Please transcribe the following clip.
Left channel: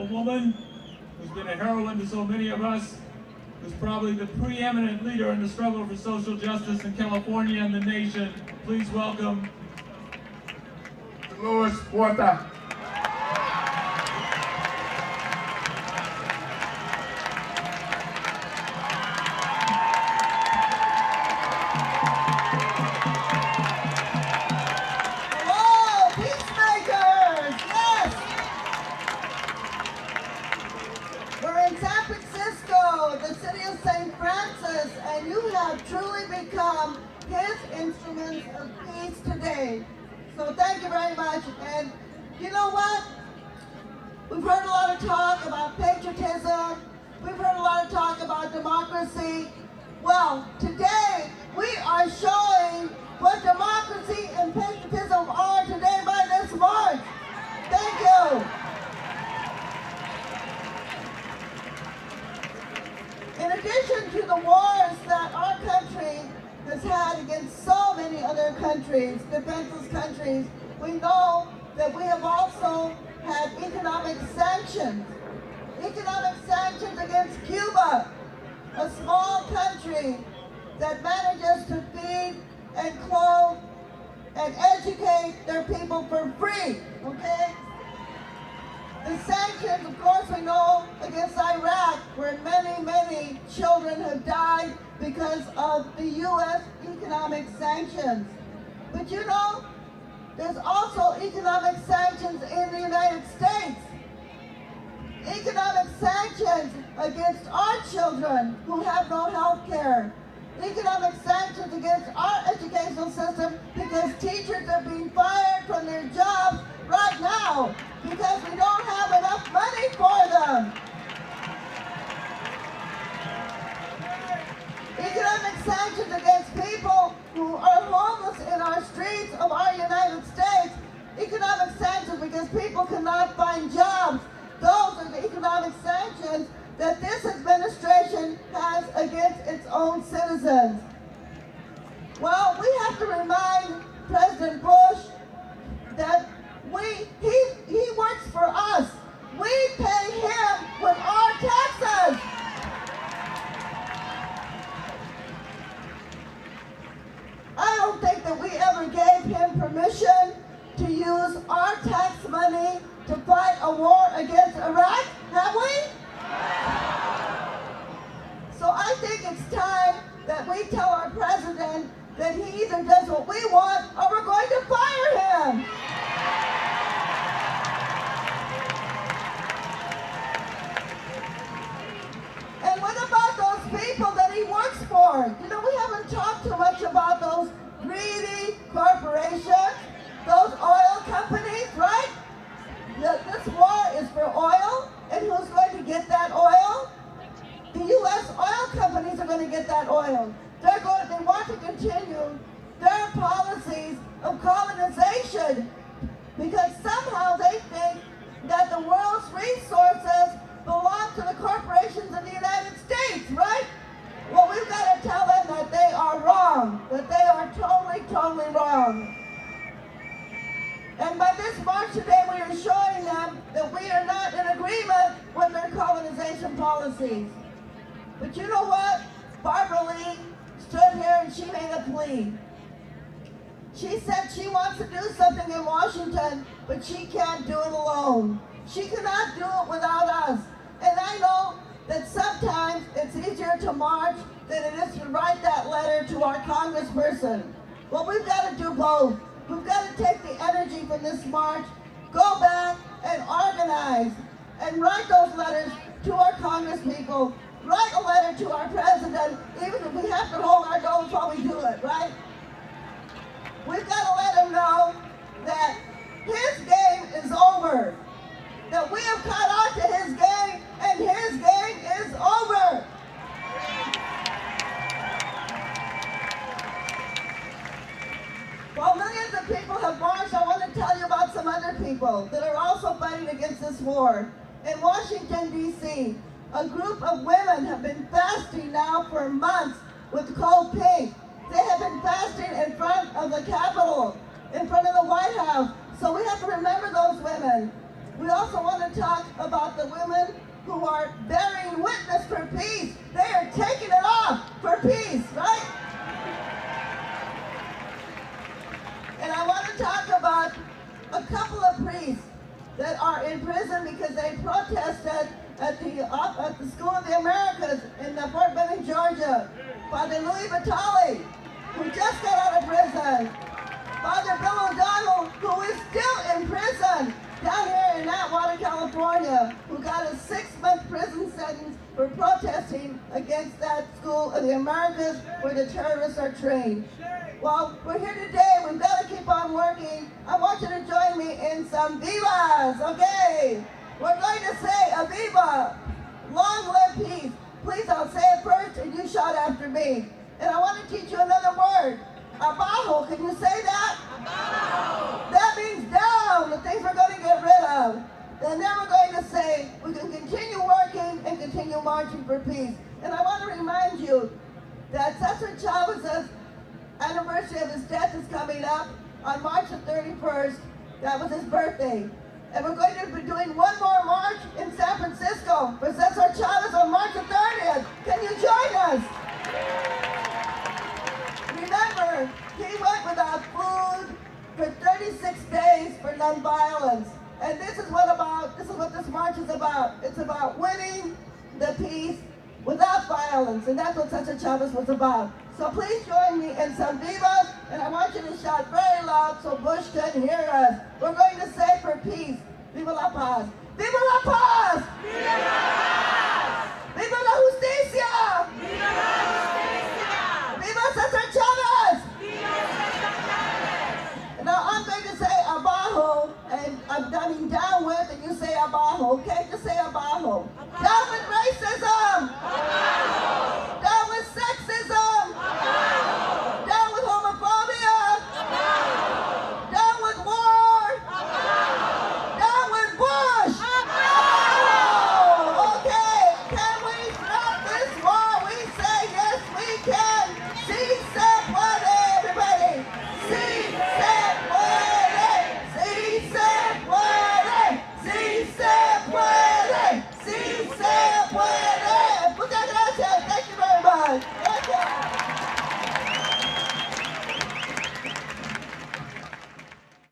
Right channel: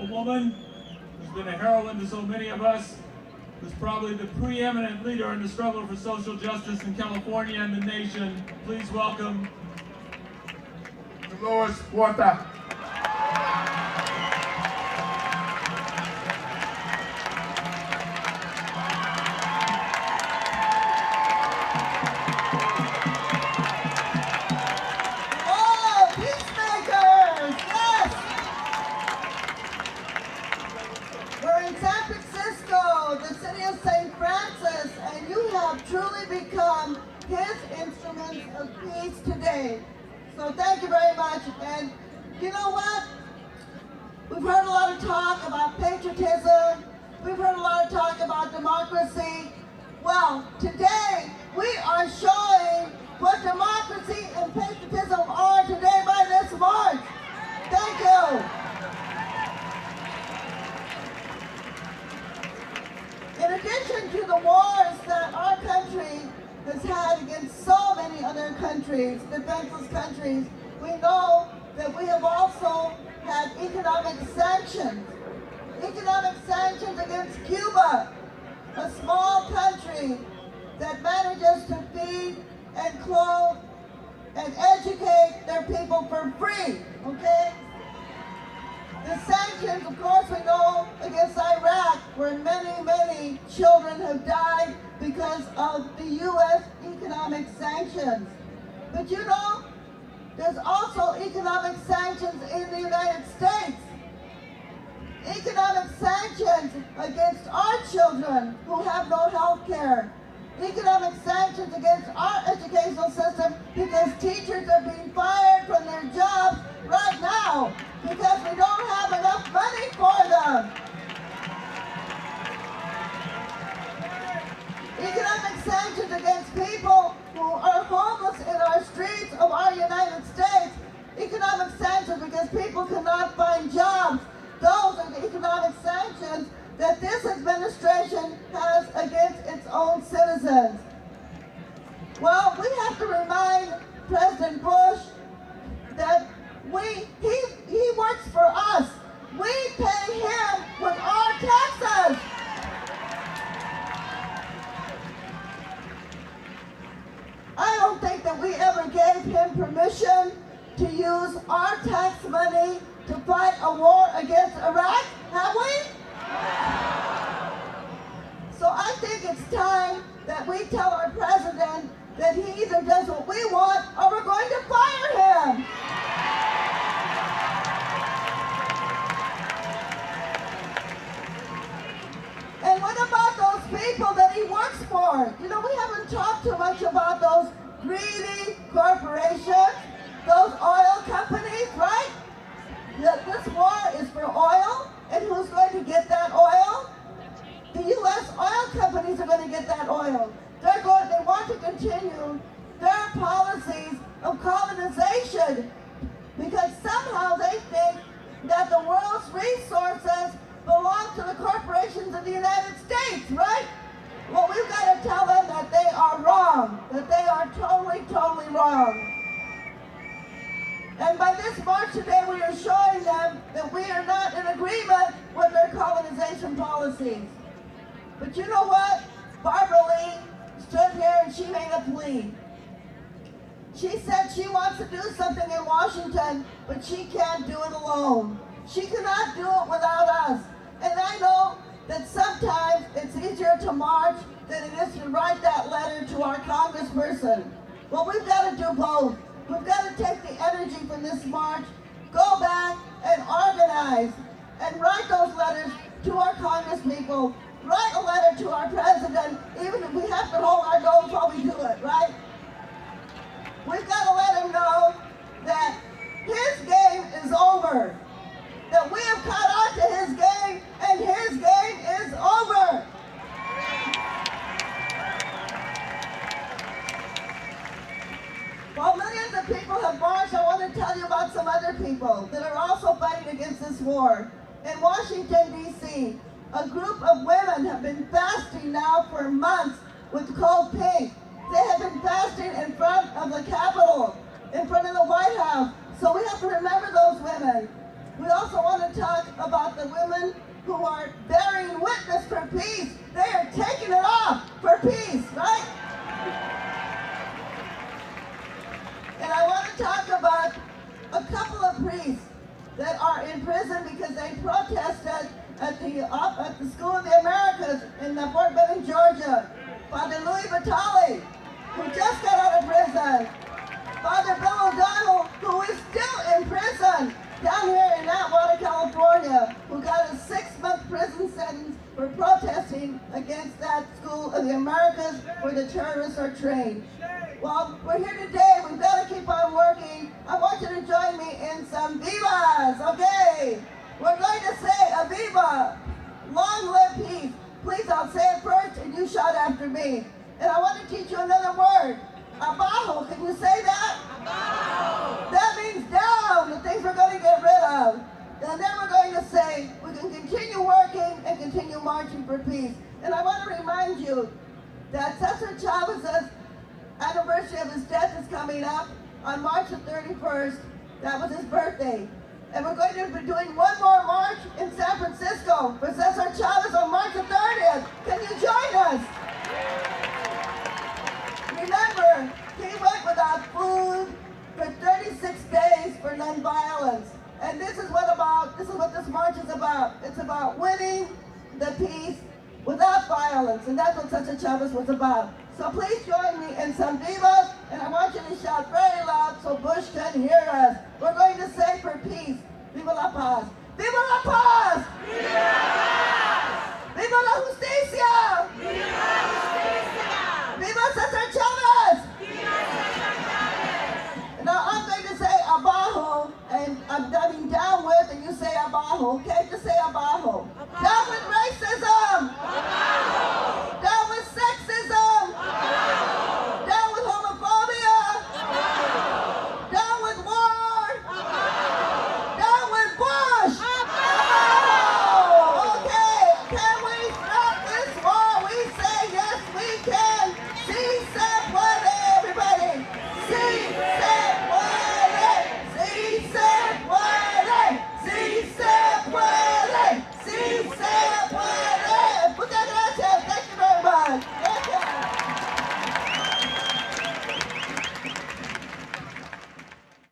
a woman who's been a heroine to so many of us, who's probably the preeminent leader in the struggle for social justice in California and the nation. Please welcome Dolores Huerta. Truly become his instruments of peace today. So thank you very much. And you know what? We've heard a lot of talk about patriotism. We've heard a lot of talk about democracy. Well, today we are showing what democracy and patriotism are today by this march. Thank you. In addition to the wars that our country has had against so many other countries, defenseless countries, we know that we have also had economic sanctions. Economic sanctions against Cuba, a small country that manages to feed and clothe and educate their people for free, okay? The sanctions, of course, we know against Iraq, where many, many children have died because of the U.S. economic sanctions. But you know, there's also economic sanctions in the United States. Economic sanctions against our children who have no health care. Economic sanctions against our educational system because teachers are being fired from their jobs right now because we don't have enough money for them. Economic sanctions against people who are homeless in our streets of our United States. Economic sanctions because people cannot find jobs. Those are the economic sanctions that this administration has against its own citizens. Well, we have to remind President Bush that he works for us. We pay him with our taxes. I don't think that we ever gave him permission to use our tax money to fight a war against Iraq, have we? So I think it's time that we tell our president that he either does what we want or we're going to fire him. And what about those people that he works for? You know, we haven't talked too much about those greedy corporations, those oil companies, right? This war is for oil, and who's going to get that oil? The U.S. oil companies are going to get that oil. They want to continue their policies of colonization because somehow they think that the world's resources belong to the corporations of the United States, right? Well, we've got to tell them that they are wrong, that they are totally, totally wrong. And by this march today, we are showing them that we are not in agreement with their colonization policies. But you know what? Barbara Lee stood here and she made a plea. She said she wants to do something in Washington, but she can't do it alone. She cannot do it without us. And I know that sometimes it's easier to march than it is to write that letter to our congressperson. Well, we've got to do both. We've got to take the energy from this march, go back and organize, and write those letters to our congresspeople, write a letter to our president, even if we have to hold our nose while we do it, right? We've got to let him know that his game is over, that we have caught on to his game, and his game is over. While millions of people have marched, I want to tell you about some other people that are also fighting against this war. In Washington, D.C., a group of women have been fasting now for months with cold pink. They have been fasting in front of the Capitol, in front of the White House. So we have to remember those women. We also want to talk about the women who are bearing witness for peace. They are taking it off for peace, right? And I want to talk about a couple of priests that are in prison because they protested at the School of the Americas in Fort Benning, Georgia. Father Louis Vitale, who just got out of prison. Father Bill O'Donnell, who is still in prison down here in Atwater, California, who got a 6-month prison sentence for protesting against that School of the Americas where the terrorists are trained. Well, we're here today. We've got to keep on working. I want you to join me in some vivas, okay? We're going to say a viva, long live peace. Please, I'll say it first and you shout after me. And I want to teach you another word, abajo. Can you say that? Abajo. That means down, the things we're going to get rid of. And then we're going to say we can continue working and continue marching for peace. And I want to remind you that Cesar Chavez's anniversary of his death is coming up on March the 31st. That was his birthday. And we're going to be doing one more march in San Francisco for Cesar Chavez on March the 30th. Can you join us? Remember, he went without food for 36 days for nonviolence. And this is what this march is about. It's about winning the peace without violence. And that's what Cesar Chavez was about. So please join me in some vivas, and I want you to shout very loud so Bush can hear us. We're going to say for peace, Viva la paz. Viva la paz! Viva la paz! Viva la justicia! Viva la justicia! Viva Cesar Chavez! Viva Cesar Chavez! Now I'm going to say abajo, and I'm coming down with, and you say abajo, okay? Just say